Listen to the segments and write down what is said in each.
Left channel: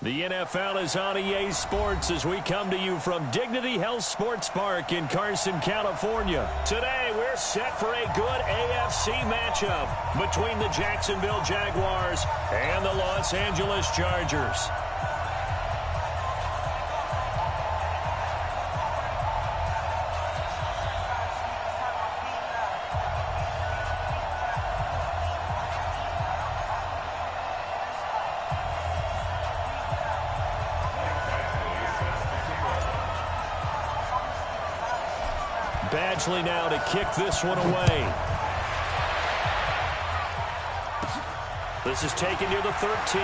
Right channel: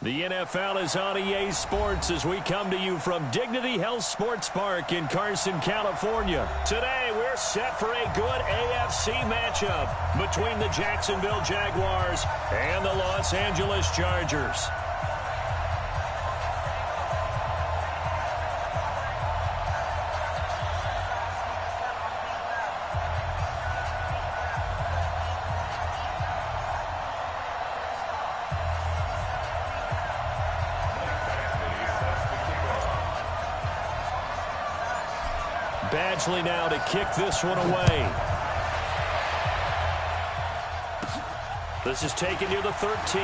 The NFL is on EA Sports as we come to you from Dignity Health Sports Park in Carson, California. Today, we're set for a good AFC matchup between the Jacksonville Jaguars and the Los Angeles Chargers. Badgley now to kick this one away. This is taken near the 13.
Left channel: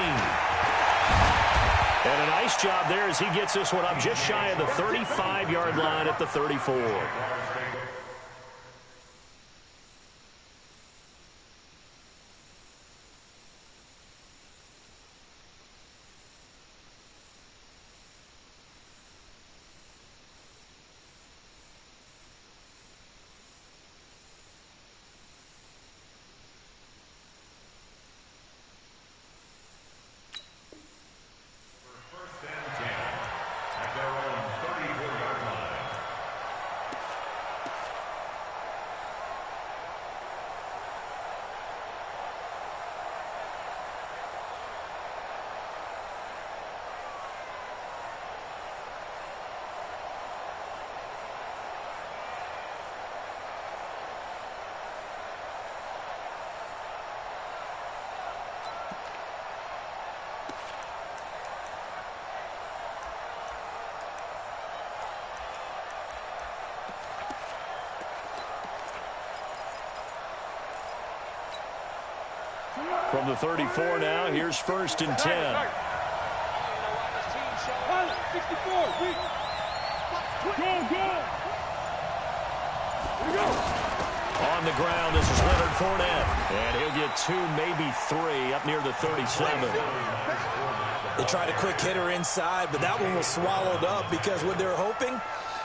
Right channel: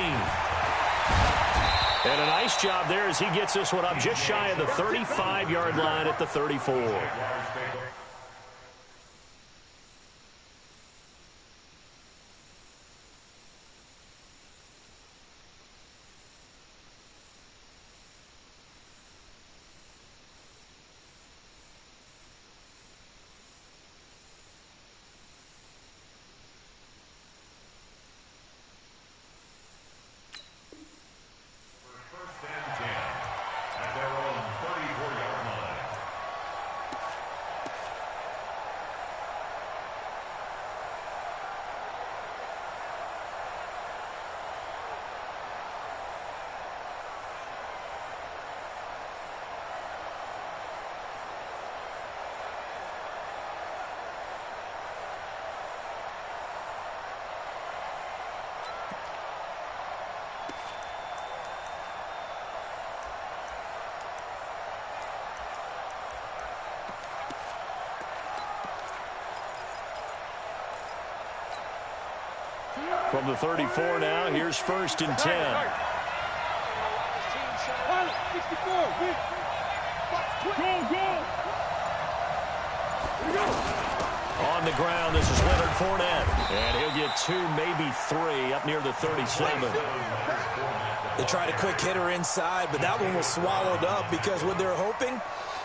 And a nice job there as he gets this one up just shy of the 35-yard line at the 34. From the 34 now, here's 1st and 10. 64, On the ground, this is Leonard Fournette. And he'll get 2, maybe 3 up near the 37. They tried a quick hitter inside, but that one was swallowed up because what they're hoping,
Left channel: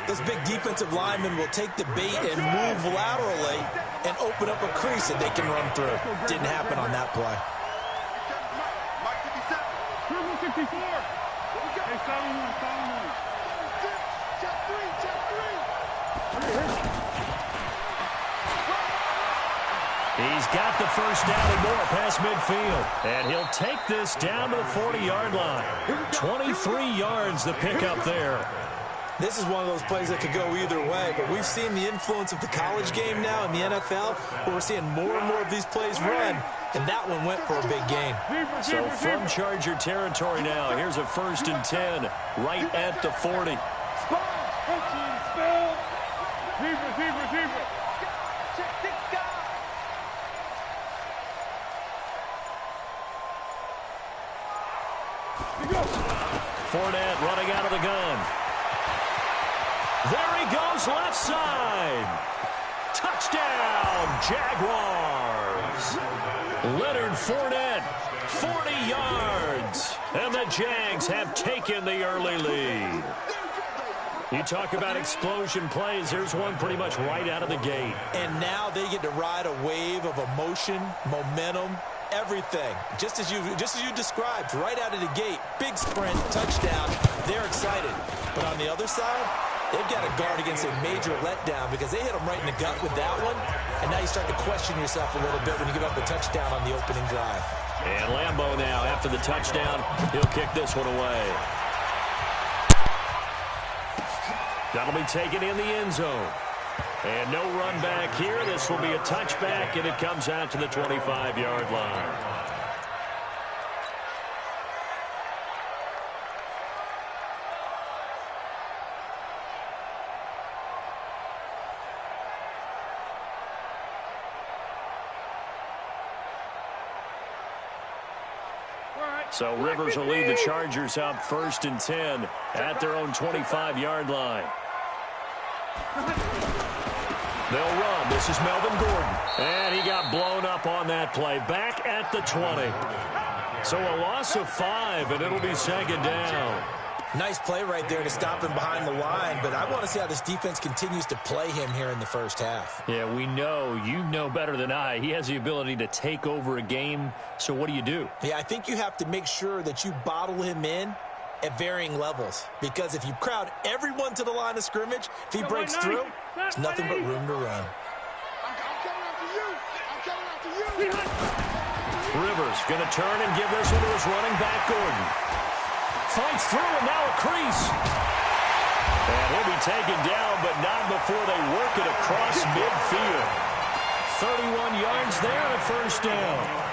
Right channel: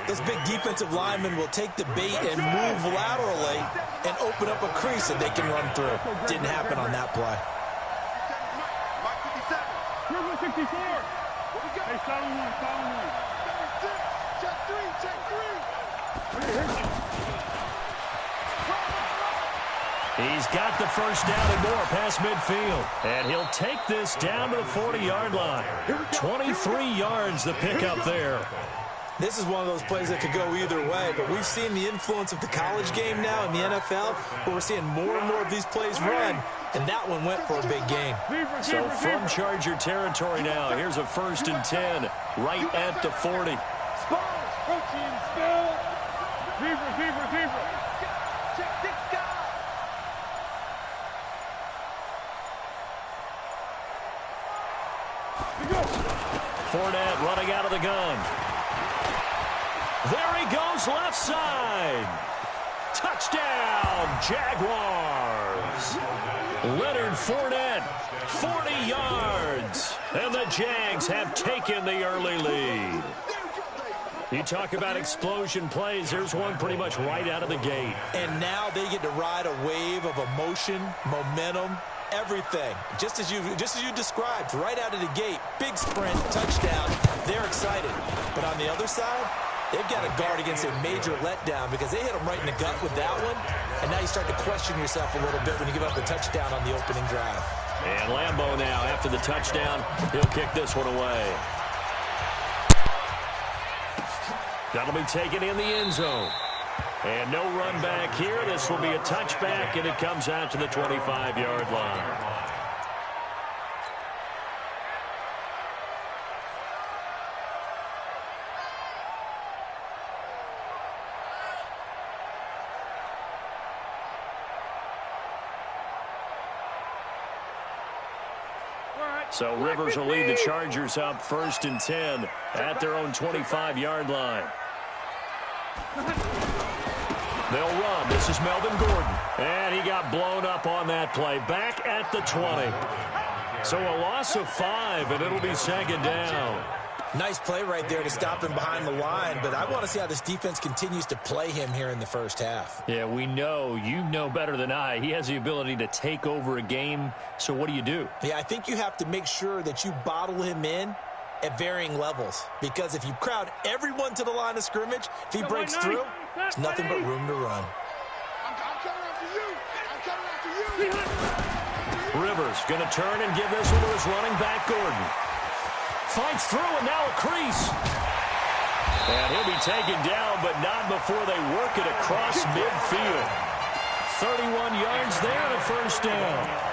those big defensive linemen will take the bait and move laterally and open up a crease that they can run through. Didn't happen on that play. Mike 57. Purple 64. What we got? Hey, solid one. 36. Check 3. He's got the first down and more past midfield. And he'll take this down to the 40-yard line. 23 yards the pickup there. This is one of those plays that could go either way, but we've seen the influence of the college game now in the NFL, where we're seeing more and more of these plays run, and that one went for a big gain. So from Charger territory now, here's a 1st and 10 right at the 40. Fournette running out of the gun. There he goes, left side. Touchdown, Jaguars. Leonard Fournette, 40 yards. And the Jags have taken the early lead. You talk about explosion plays. There's one pretty much right out of the gate. And now they get to ride a wave of emotion, momentum, everything. Just as you described, right out of the gate. Big sprint, touchdown. They're excited. But on the other side, they've got to guard against a major letdown because they hit them right in the gut with that one. And now you start to question yourself a little bit when you give up the touchdown on the opening drive. And Lambeau now, after the touchdown, he'll kick this one away. That'll be taken in the end zone. And no run back here. This will be a touchback, and it comes out to the 25-yard line. So Rivers will lead the Chargers up 1st and 10 at their own 25-yard line. They'll run. This is Melvin Gordon. And he got blown up on that play. Back at the 20. So a loss of 5, and it'll be 2nd down. Nice play right there to stop him behind the line, but I want to see how this defense continues to play him here in the first half. Yeah, we know. You know better than I. He has the ability to take over a game, so what do you do? Yeah, I think you have to make sure that you bottle him in at varying levels, because if you crowd everyone to the line of scrimmage, if he breaks through, there's nothing but room to run. I'm coming after you. I'm coming after you. Rivers going to turn and give this one to his running back, Gordon. Fights through, and now a crease. And he'll be taken down, but not before they work it across midfield. 31 yards there and a first down.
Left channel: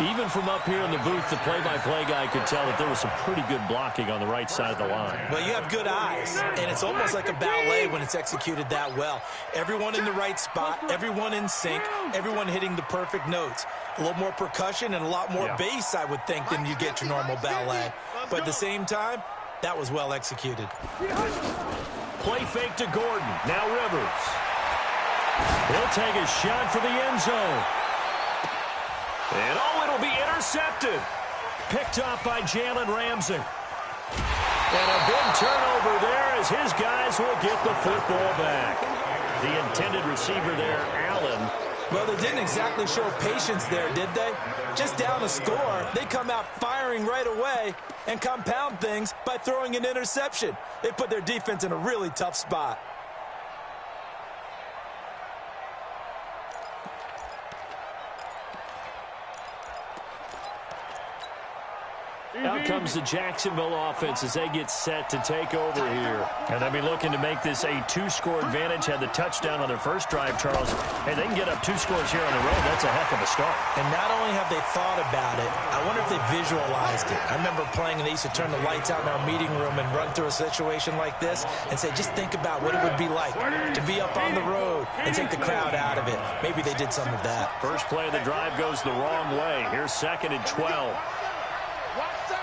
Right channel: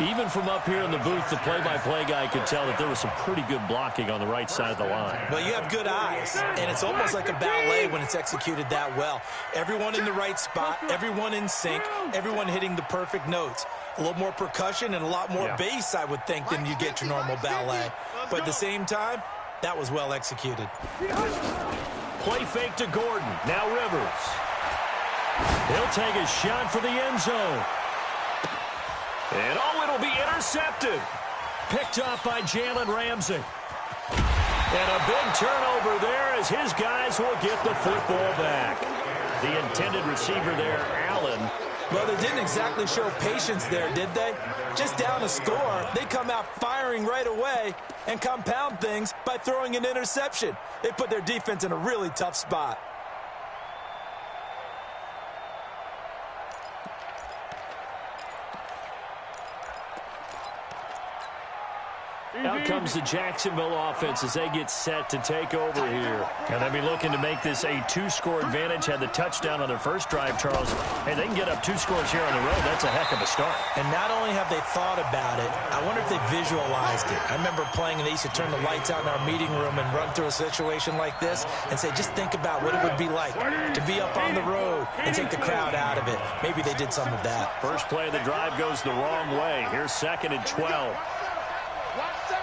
Even from up here in the booth, the play-by-play guy could tell that there was some pretty good blocking on the right side of the line. Well, you have good eyes, and it's almost like a ballet when it's executed that well. Everyone in the right spot, everyone in sync, everyone hitting the perfect notes. A little more percussion and a lot more bass, I would think, than you get your normal ballet. But at the same time, that was well executed. Play fake to Gordon. Now Rivers. He'll take a shot for the end zone. And it'll be intercepted. Picked off by Jalen Ramsey. And a big turnover there as his guys will get the football back. The intended receiver there, Allen. Well, they didn't exactly show patience there, did they? Just down a score, they come out firing right away and compound things by throwing an interception. They put their defense in a really tough spot. Out comes the Jacksonville offense as they get set to take over here. And they'll be looking to make this a two-score advantage. Had the touchdown on their first drive, Charles. Hey, they can get up 2 scores here on the road. That's a heck of a start. And not only have they thought about it, I wonder if they visualized it. I remember playing, and they used to turn the lights out in our meeting room and run through a situation like this and say, just think about what it would be like to be up on the road and take the crowd out of it. Maybe they did some of that. First play of the drive goes the wrong way. Here's 2nd and 12. Watch 7.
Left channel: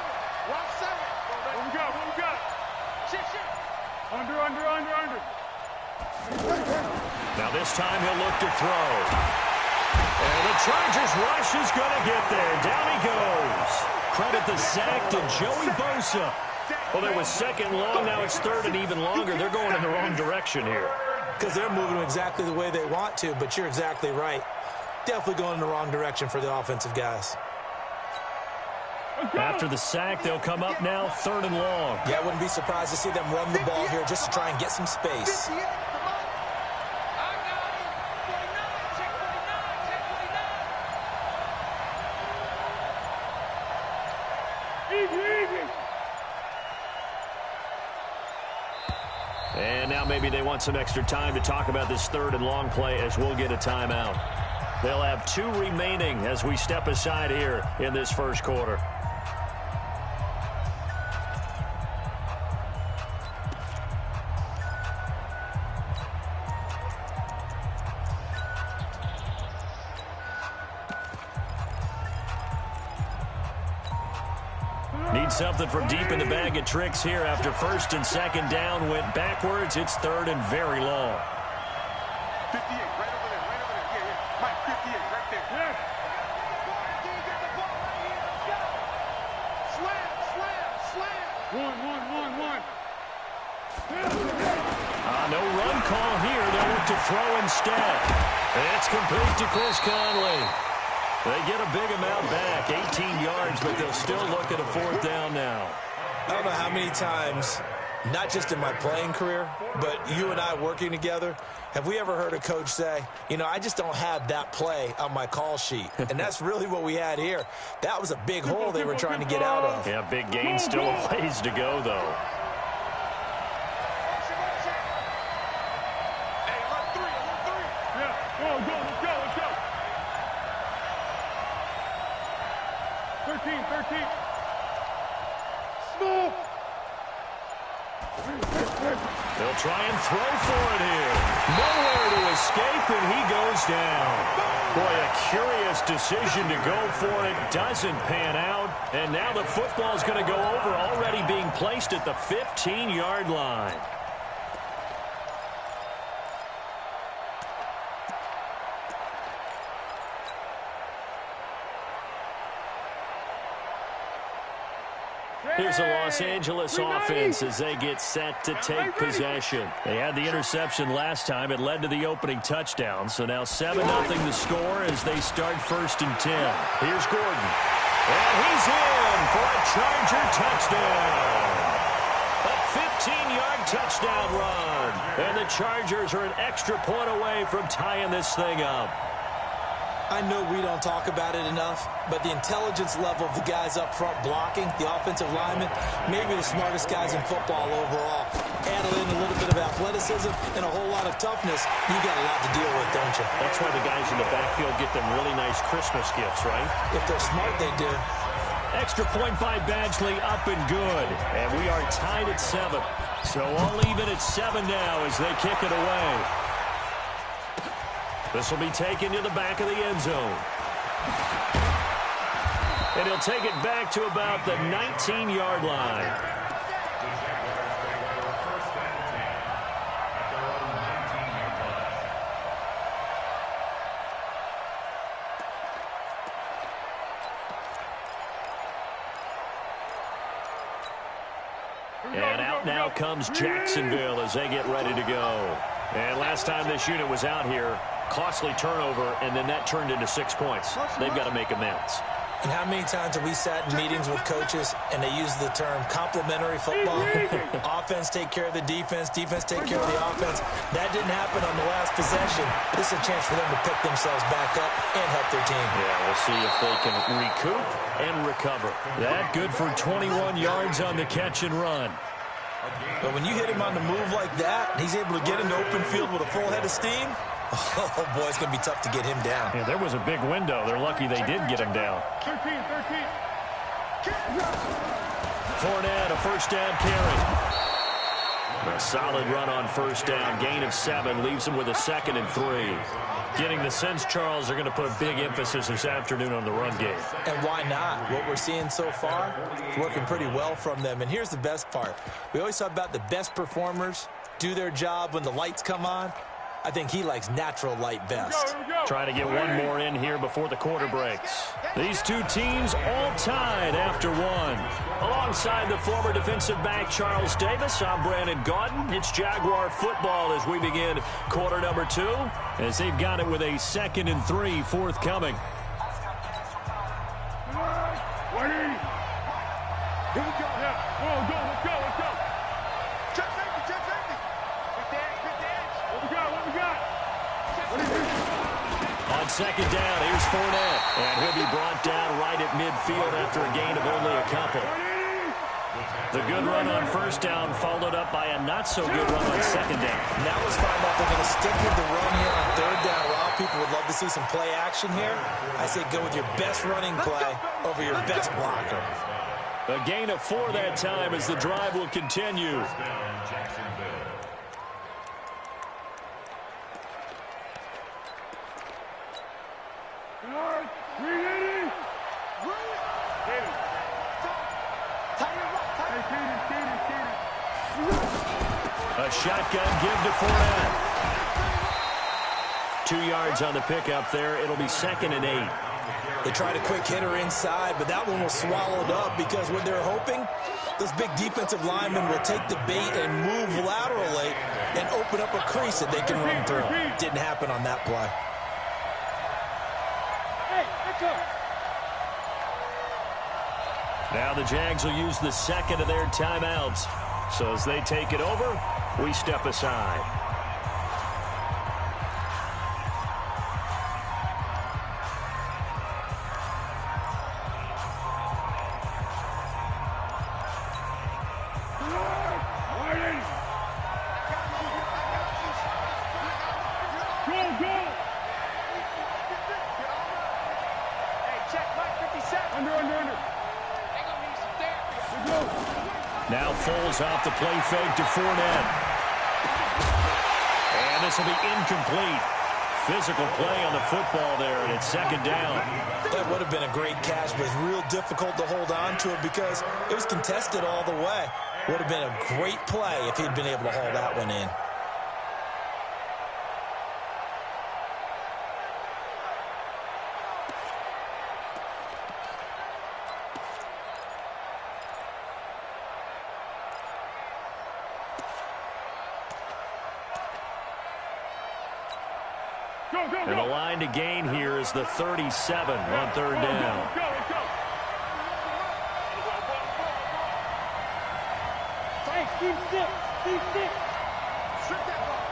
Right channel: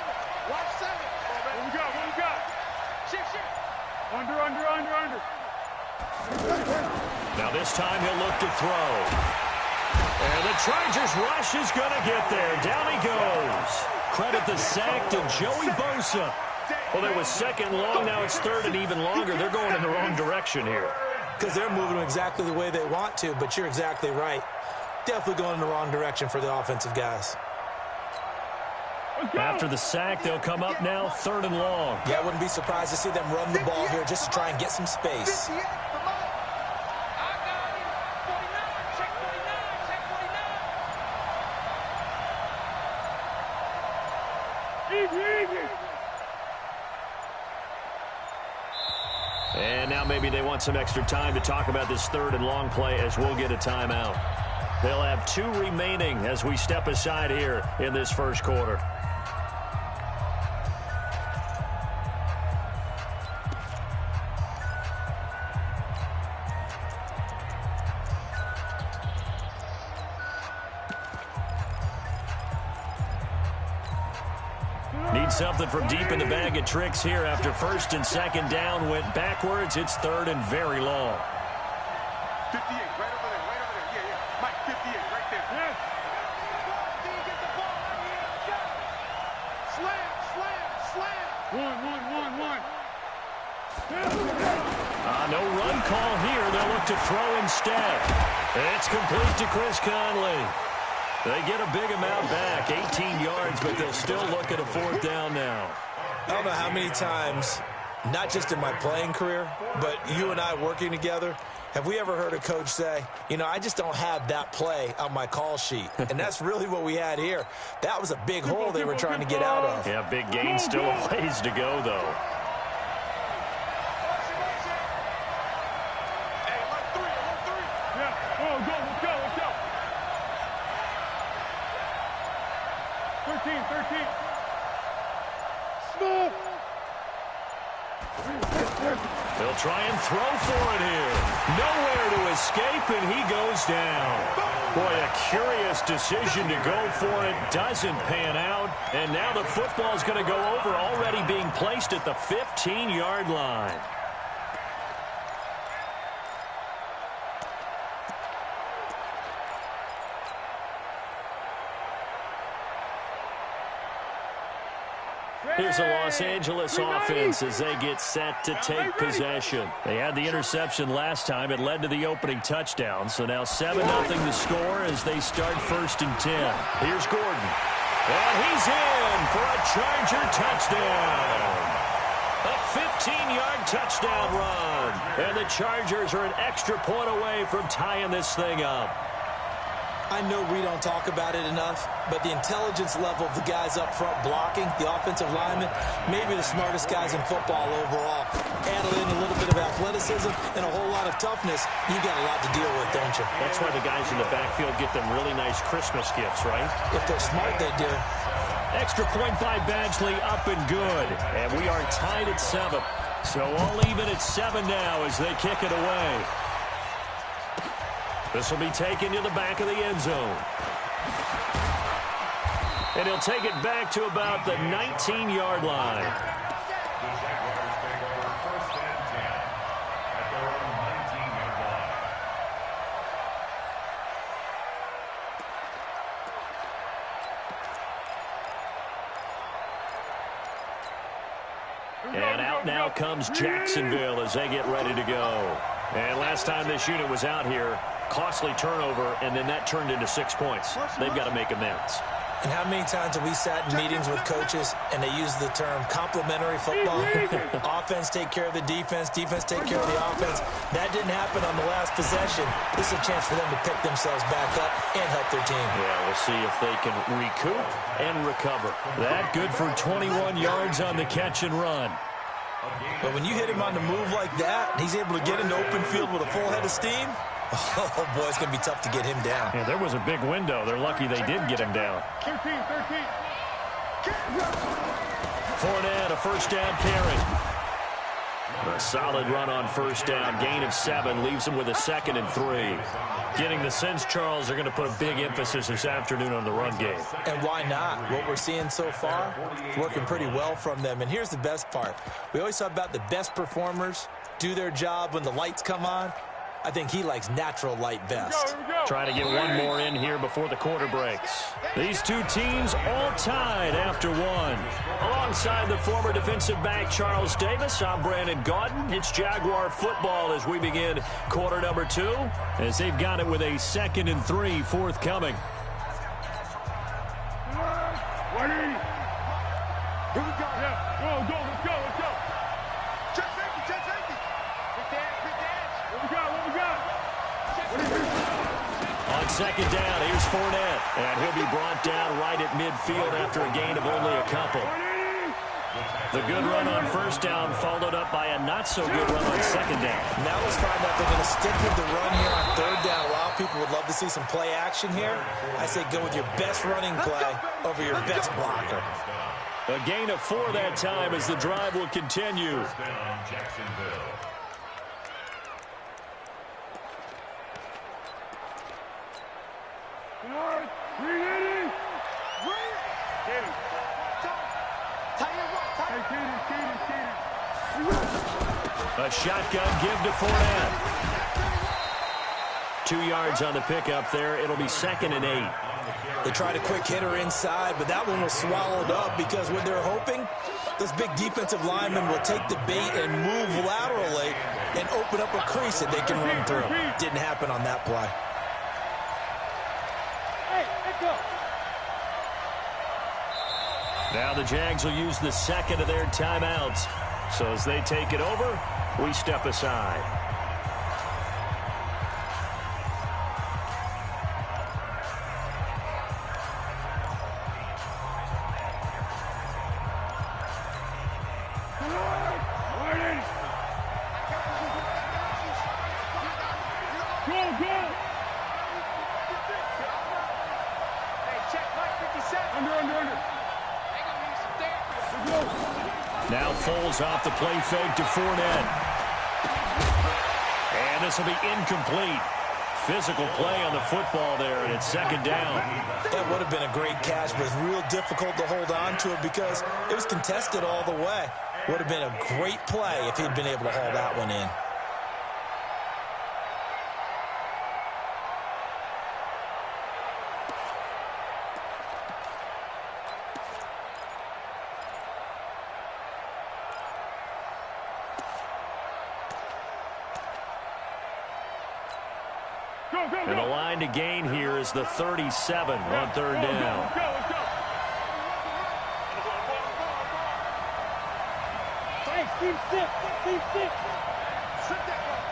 Watch 7. What we got? What we got? Shit. Under. Now this time he'll look to throw. And the Chargers rush is going to get there. Down he goes. Credit the sack to Joey Bosa. Well, there was 2nd long. Now it's 3rd and even longer. They're going in the wrong direction here. Because they're moving exactly the way they want to, but you're exactly right. Definitely going in the wrong direction for the offensive guys. After the sack, they'll come up now 3rd and long. Yeah, I wouldn't be surprised to see them run the ball here just to try and get some space. And now maybe they want some extra time to talk about this 3rd and long play as we'll get a timeout. They'll have 2 remaining as we step aside here in this first quarter. Need something from deep in the bag of tricks here after 1st and 2nd down went backwards. It's 3rd and very long. 58, right over there. Yeah. Mike, 58, right there. Yes. Get the ball right here. Let's go. Slam. One. No run call here. They'll look to throw instead. It's complete to Chris Conley. They get a big amount back, 18 yards, but they'll still look at a 4th down now. I don't know how many times, not just in my playing career, but you and I working together, have we ever heard a coach say, I just don't have that play on my call sheet. And that's really what we had here. That was a big hole they were trying to get out of. Yeah, big gain, still a ways to go, though. Hey, look three. Yeah, let's go. 13. Small. They'll try and throw for it here. Nowhere to escape, and he goes down. Boy, a curious decision to go for it. Doesn't pan out. And now the football's going to go over, already being placed at the 15-yard line. Here's the Los Angeles offense as they get set to take possession. They had the interception last time. It led to the opening touchdown. So now 7-0 the score as they start 1st and 10. Here's Gordon. And he's in for a Charger touchdown. A 15-yard touchdown run. And the Chargers are an extra point away from tying this thing up. I know we don't talk about it enough, but the intelligence level of the guys up front blocking, the offensive linemen, maybe the smartest guys in football overall. Add in a little bit of athleticism and a whole lot of toughness, you got a lot to deal with, don't you? That's why the guys in the backfield get them really nice Christmas gifts, right? If they're smart, they do. Extra point by Badgley, up and good. And we are tied at 7. So all even at 7 now as they kick it away. This will be taken to the back of the end zone. And he'll take it back to about the 19-yard line. The Jaguars take over 1st and 10 at their own 19-yard line. And out now comes Jacksonville as they get ready to go. And last time this unit was out here, costly turnover, and then that turned into 6 points. They've got to make amends. And how many times have we sat in meetings with coaches and they use the term complementary football? Offense take care of the defense, defense take care of the offense. That didn't happen on the last possession. This is a chance for them to pick themselves back up and help their team. Yeah, we'll see if they can recoup and recover. That good for 21 yards on the catch and run. But when you hit him on the move like that, and he's able to get into open field with a full head of steam, oh, boy, it's going to be tough to get him down. Yeah, there was a big window. They're lucky they did get him down. 13. Fournette, a first down carry. A solid run on first down. Gain of 7 leaves him with a 2nd and 3. Getting the sense, Charles, they're going to put a big emphasis this afternoon on the run game. And why not? What we're seeing so far, working pretty well from them. And here's the best part. We always talk about the best performers do their job when the lights come on. I think he likes natural light best. Trying to get one more in here before the quarter breaks. These two teams all tied after 1. Alongside the former defensive back Charles Davis, I'm Brandon Gaudin. It's Jaguar football as we begin quarter number 2, as they've got it with a 2nd and 3 forthcoming. 180. Here we go. Yeah, let's go. Check safety. Good dance. What we got? On 2nd down, here's Fournette. And he'll be brought down right at midfield after a gain of only a couple. The good run on first down followed up by a not-so-good run on 2nd down. Now let's find out they're going to stick with the run here on 3rd down. A lot of people would love to see some play action here. I say go with your best running play over your best blocker. A gain of 4 that time as the drive will continue. Jacksonville. A shotgun give to Fournette. 2 yards on the pickup there. It'll be 2nd and 8. They tried a quick hitter inside, but that one was swallowed up because what they're hoping, those big defensive linemen will take the bait and move laterally and open up a crease that they can run through. Didn't happen on that play. Hey, echo. Now the Jags will use the 2nd of their timeouts. So as they take it over, we step aside. Now Foles off the play fake to Fournette. And this will be incomplete. Physical play on the football there, and it's 2nd down. That would have been a great catch, but it's real difficult to hold on to it because it was contested all the way. Would have been a great play if he'd been able to haul that one in. And the line to gain here is the 37 on third down. Hey, team 6. Team 6. Strip that ball.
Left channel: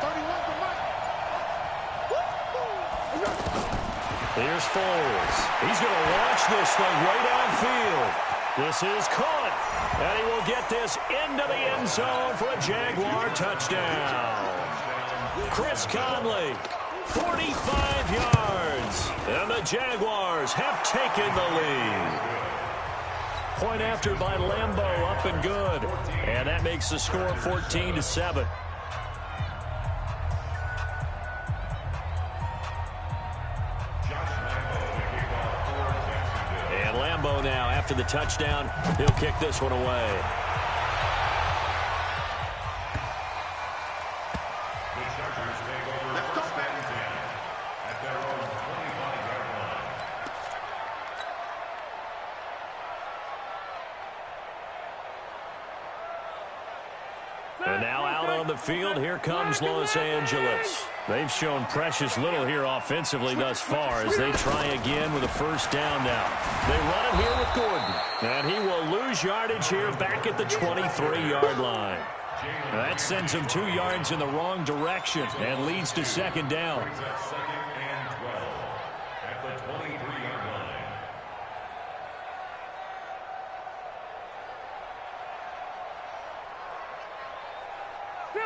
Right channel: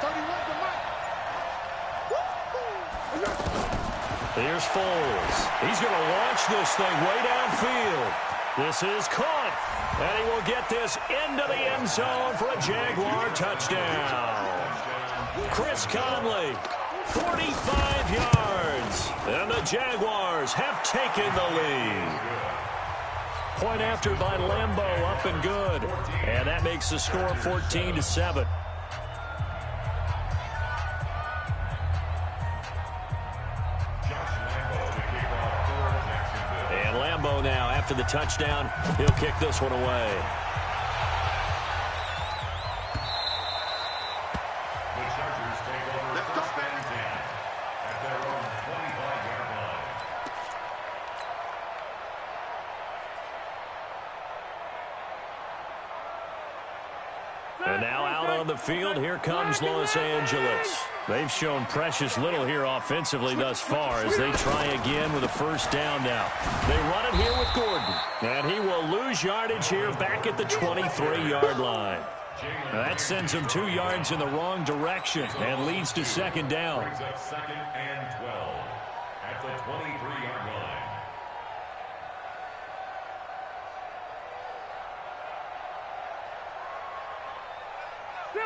31's the mic. Here's Foles. He's going to launch this thing way downfield. This is caught. And he will get this into the end zone for a Jaguar touchdown. Chris Conley, 45 yards. And the Jaguars have taken the lead. Point after by Lambeau, up and good. And that makes the score 14-7. And Lambeau now, after the touchdown, he'll kick this one away. The Chargers take over first and 10 at their own 25-yard line. And now out on the field, here comes Los Angeles. They've shown precious little here offensively thus far as they try again with a first down now. They run it here with Gordon. And he will lose yardage here back at the 23-yard line. That sends him 2 yards in the wrong direction and leads to second down. Brings up second and 12 at the 23-yard line.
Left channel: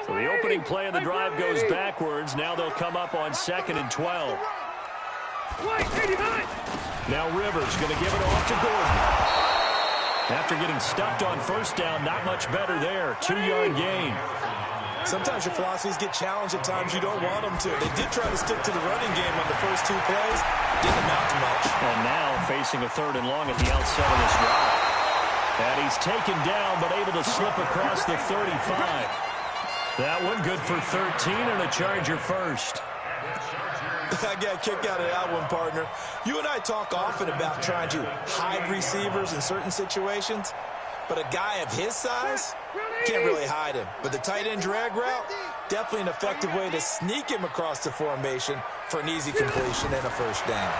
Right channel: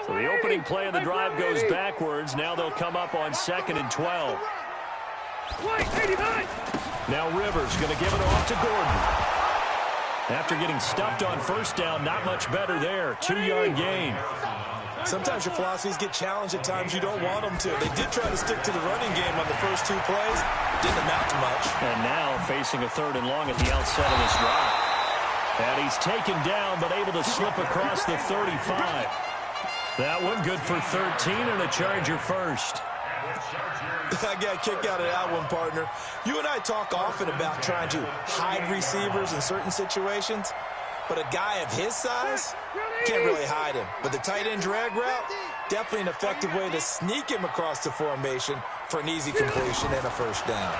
So the opening play of the drive goes backwards. Now they'll come up on second and 12. Now Rivers going to give it off to Gordon. After getting stuffed on first down, not much better there. 2-yard gain. Sometimes your philosophies get challenged at times you don't want them to. They did try to stick to the running game on the first 2 plays. Didn't amount to much. And now facing a 3rd and long at the outset of this drive. And he's taken down but able to slip across the 35. That one good for 13 and a Charger first. I got a kick out of that one, partner. You and I talk often about trying to hide receivers in certain situations, but a guy of his size can't really hide him. But the tight end drag route, definitely an effective way to sneak him across the formation for an easy completion and a first down.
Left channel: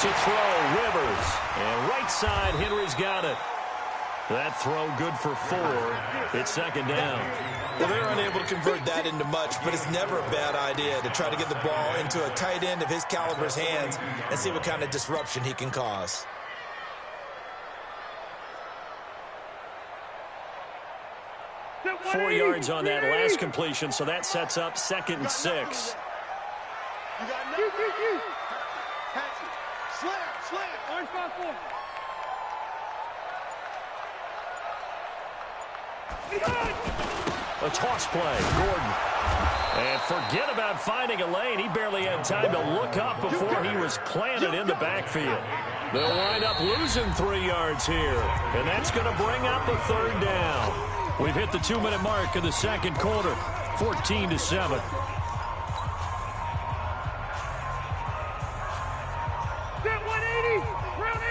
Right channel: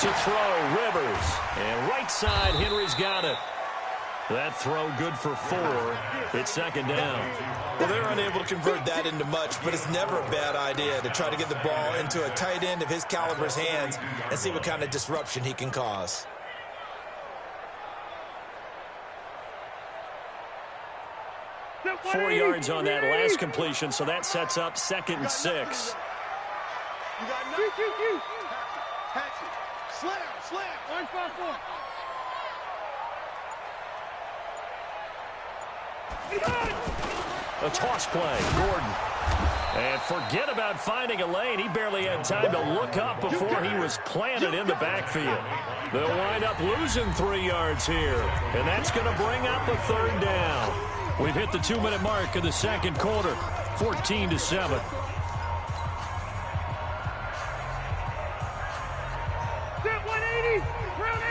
To throw, Rivers. And right side, Henry's got it. That throw good for 4. It's second down. Well, they're unable to convert that into much, but it's never a bad idea to try to get the ball into a tight end of his caliber's hands and see what kind of disruption he can cause. Four yards on that last completion, so that sets up second and 6. You got nothing. Hatchet. Slam. Orange 5-4. A toss play, Gordon. And forget about finding a lane. He barely had time to look up before he was planted in the backfield. They'll wind up losing 3 yards here. And that's going to bring up a 3rd down. We've hit the 2-minute mark of the second quarter. 14-7.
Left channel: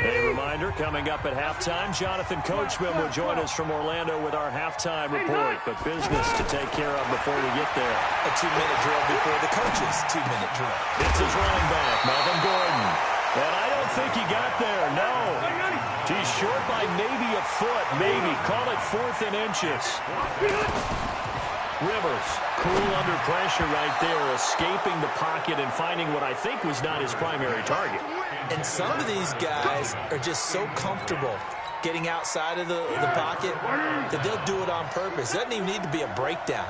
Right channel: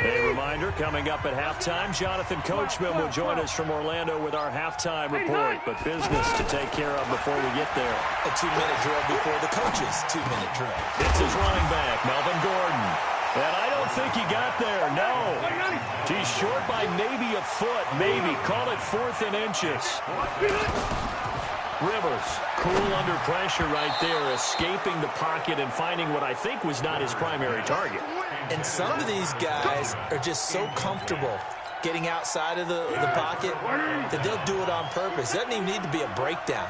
A reminder, coming up at halftime, Jonathan Coachman will join us from Orlando with our halftime report. But business to take care of before we get there. A 2-minute drill before the coach's 2-minute drill. It's his running back, Melvin Gordon. And I don't think he got there, no. He's short by maybe a foot, maybe. Call it 4th and inches. Rivers, cool under pressure right there, escaping the pocket and finding what I think was not his primary target. And some of these guys are just so comfortable getting outside of the pocket that they'll do it on purpose. It doesn't even need to be a breakdown.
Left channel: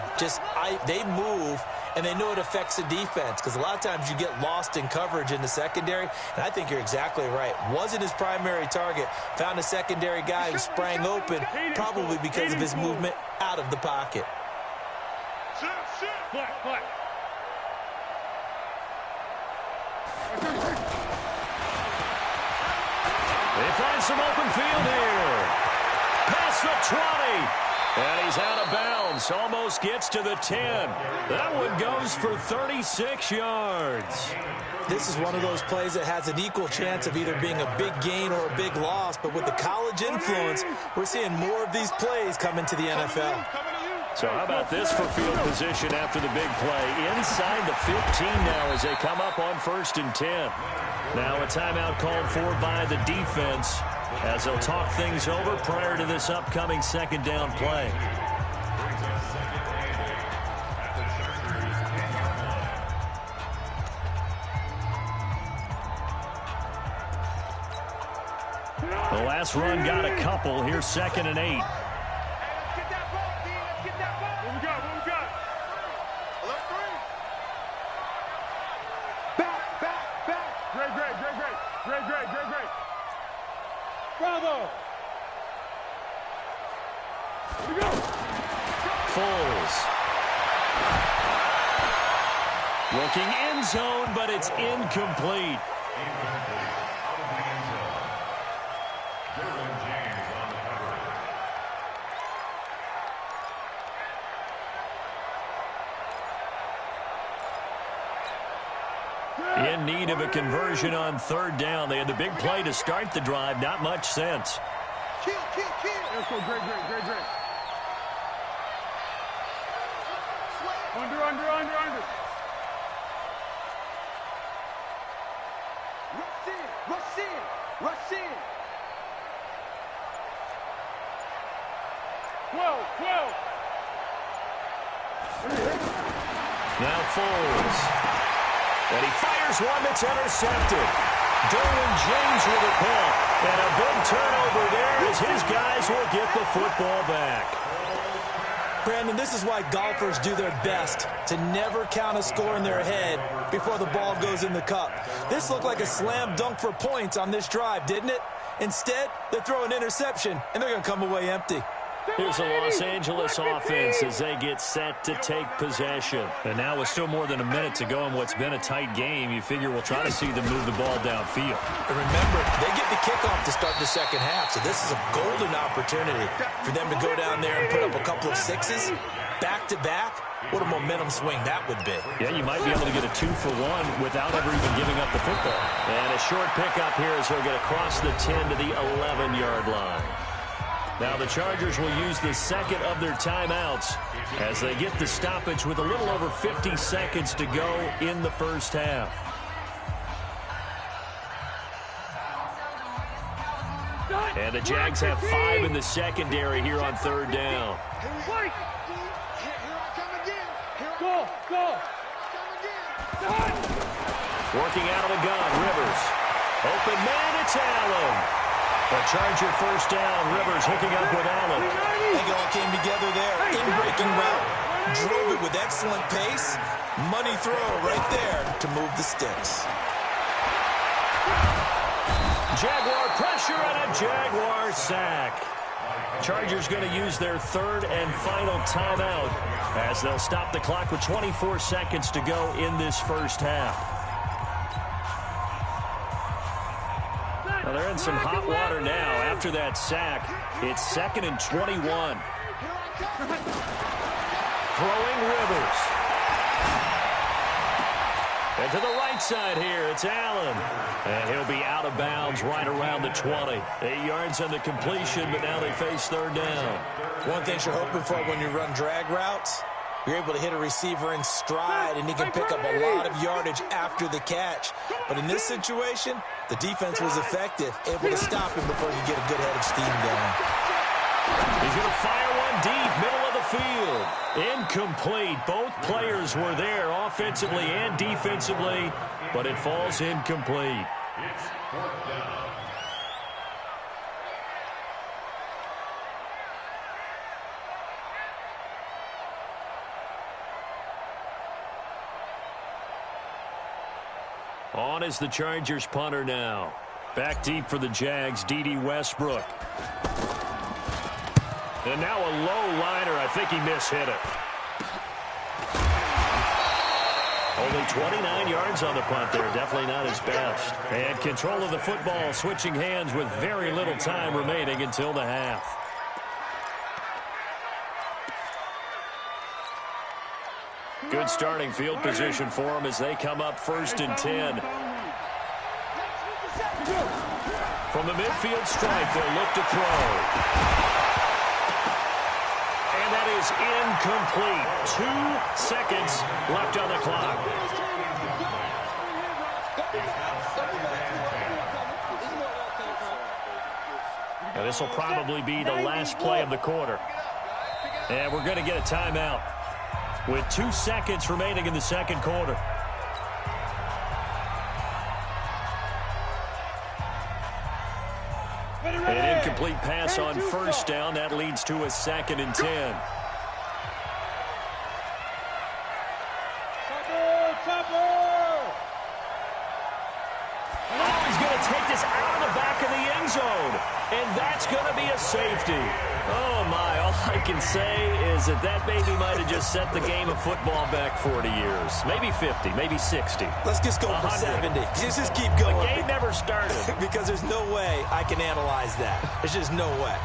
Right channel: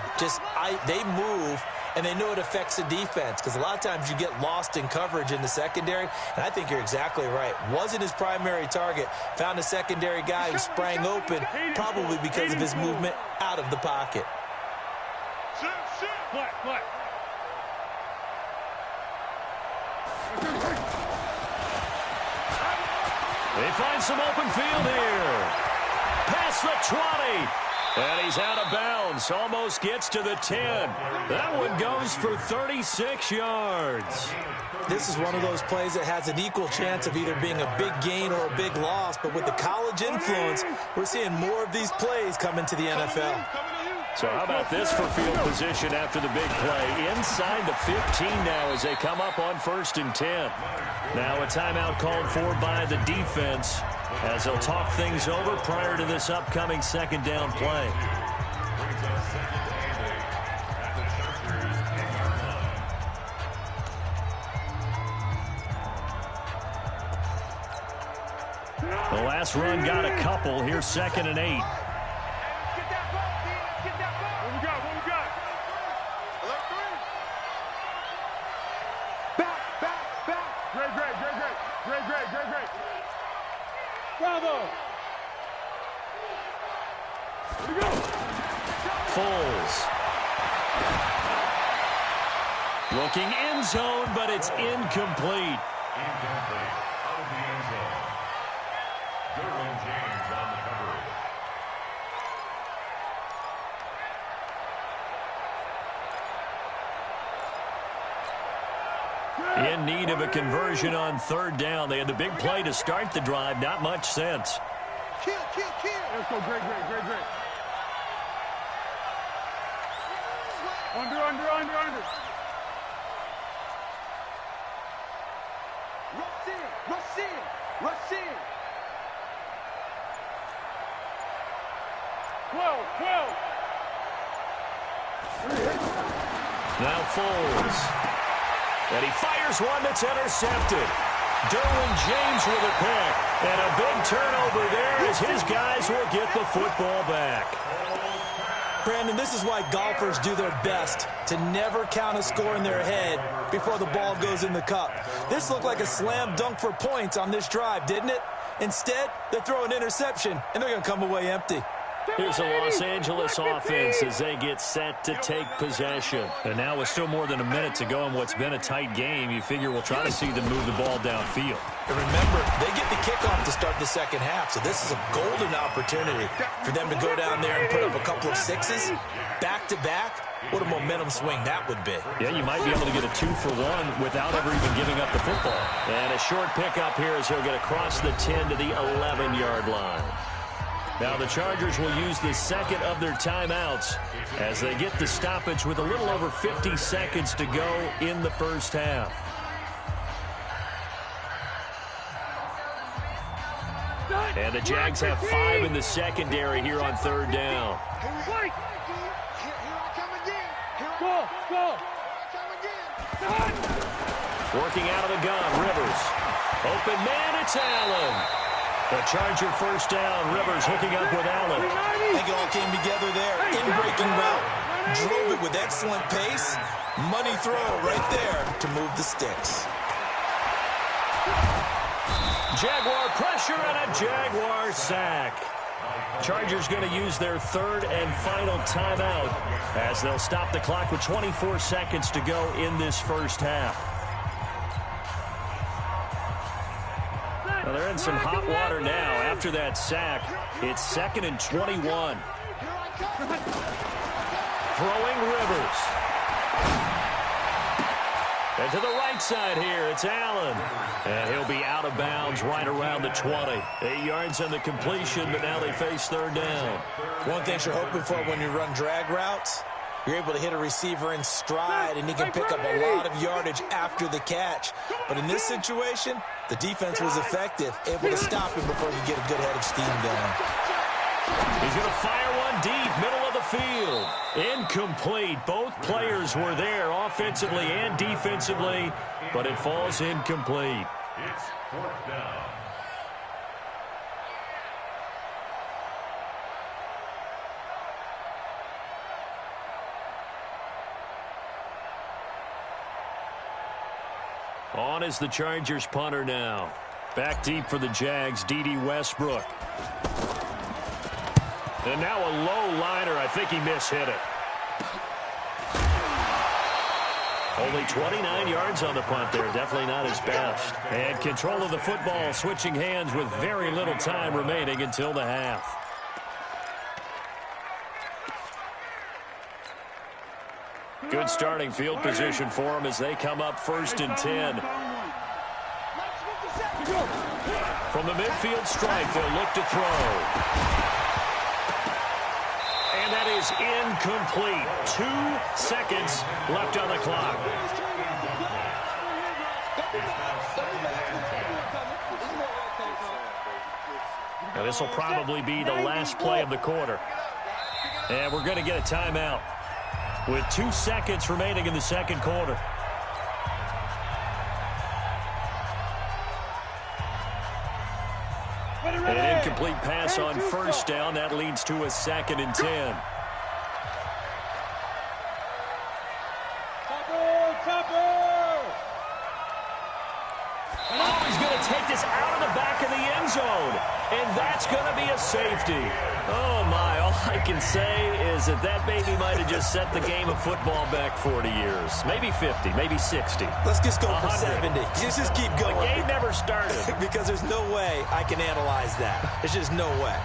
They move, and they know it affects the defense because a lot of times you get lost in coverage in the secondary, and I think you're exactly right. Wasn't his primary target. Found a secondary guy who sprang open, probably because of his movement out of the pocket. Black. They find some open field here. Past the 20. And he's out of bounds. Almost gets to the 10. That one goes for 36 yards. This is one of those plays that has an equal chance of either being a big gain or a big loss. But with the college influence, we're seeing more of these plays come into the NFL. So how about this for field position after the big play? Inside the 15 now as they come up on 1st and 10. Now a timeout called for by the defense as they'll talk things over prior to this upcoming 2nd down play. Brings up 2nd and 8 at the Chargers 10-yard line. The last run got a couple. Here's 2nd and 8. Great. Bravo. Here we go. Foles. Looking end zone, but it's incomplete. Incomplete. Out of the end zone. Derwin James on the coverage. In need of a conversion on 3rd down. They had the big play to start the drive. Not much sense. Kill. Let's go. Great. Under. Rush in. 12. Now Foles. And he fires one that's intercepted. Derwin James with a pick. And a big turnover there as his guys will get the football back. Brandon, this is why golfers do their best to never count a score in their head before the ball goes in the cup. This looked like a slam dunk for points on this drive, didn't it? Instead, they throw an interception, and they're going to come away empty. Here's the Los Angeles offense as they get set to take possession. And now with still more than a minute to go in what's been a tight game, you figure we'll try to see them move the ball downfield. And remember, they get the kickoff to start the 2nd half, so this is a golden opportunity for them to go down there and put up a couple of 6s back-to-back. What a momentum swing that would be. Yeah, you might be able to get a 2-for-1 without ever even giving up the football. And a short pickup here as they'll get across the 10 to the 11-yard line. Now the Chargers will use the 2nd of their timeouts as they get the stoppage with a little over 50 seconds to go in the 1st half. And the Jags have 5 in the secondary here on 3rd down. Here I come again. Go. Working out of the gun, Rivers. Open man, it's Allen. The Charger 1st down. Rivers hooking up with Allen. I think it all came together there. In-breaking route. Drove it with excellent pace. Money throw right there to move the sticks. Jaguar pressure and a Jaguar sack. Chargers going to use their 3rd and final timeout as they'll stop the clock with 24 seconds to go in this 1st half. Now they're in some hot water now. After that sack, it's 2nd and 21. Throwing Rivers. And to the right side here, it's Allen. And he'll be out of bounds right around the 20. 8 yards on the completion, but now they face 3rd down. One thing you're hoping for when you run drag routes, you're able to hit a receiver in stride, and he can pick up a lot of yardage after the catch. But in this situation, the defense was effective, able to stop him before he could get a good head of steam going. He's going to fire one deep, middle of the field. Incomplete. Both players were there offensively and defensively, but it falls incomplete. It's 4th down. On is the Chargers punter now. Back deep for the Jags, D.D. Westbrook. And now a low liner. I think he mishit it. Only 29 yards on the punt there. Definitely not his best. And control of the football, switching hands with very little time remaining until the half. Good starting field position for them as they come up 1st and 10. From the midfield stripe, they'll look to throw. And that is incomplete. 2 seconds left on the clock. Now, this will probably be the last play of the quarter. And we're going to get a timeout with 2 seconds remaining in the second quarter. An incomplete pass on first down. That leads to a 2nd and 10. Oh, he's going to take this out of the back of the end zone. And that's going to be a safety. Oh, my. All I can say is that baby might have just set the game of football back 40 years. Maybe 50, maybe 60. Let's just go 100. for 70. Just keep going. The game never started. Because there's no way I can analyze that. There's just no way.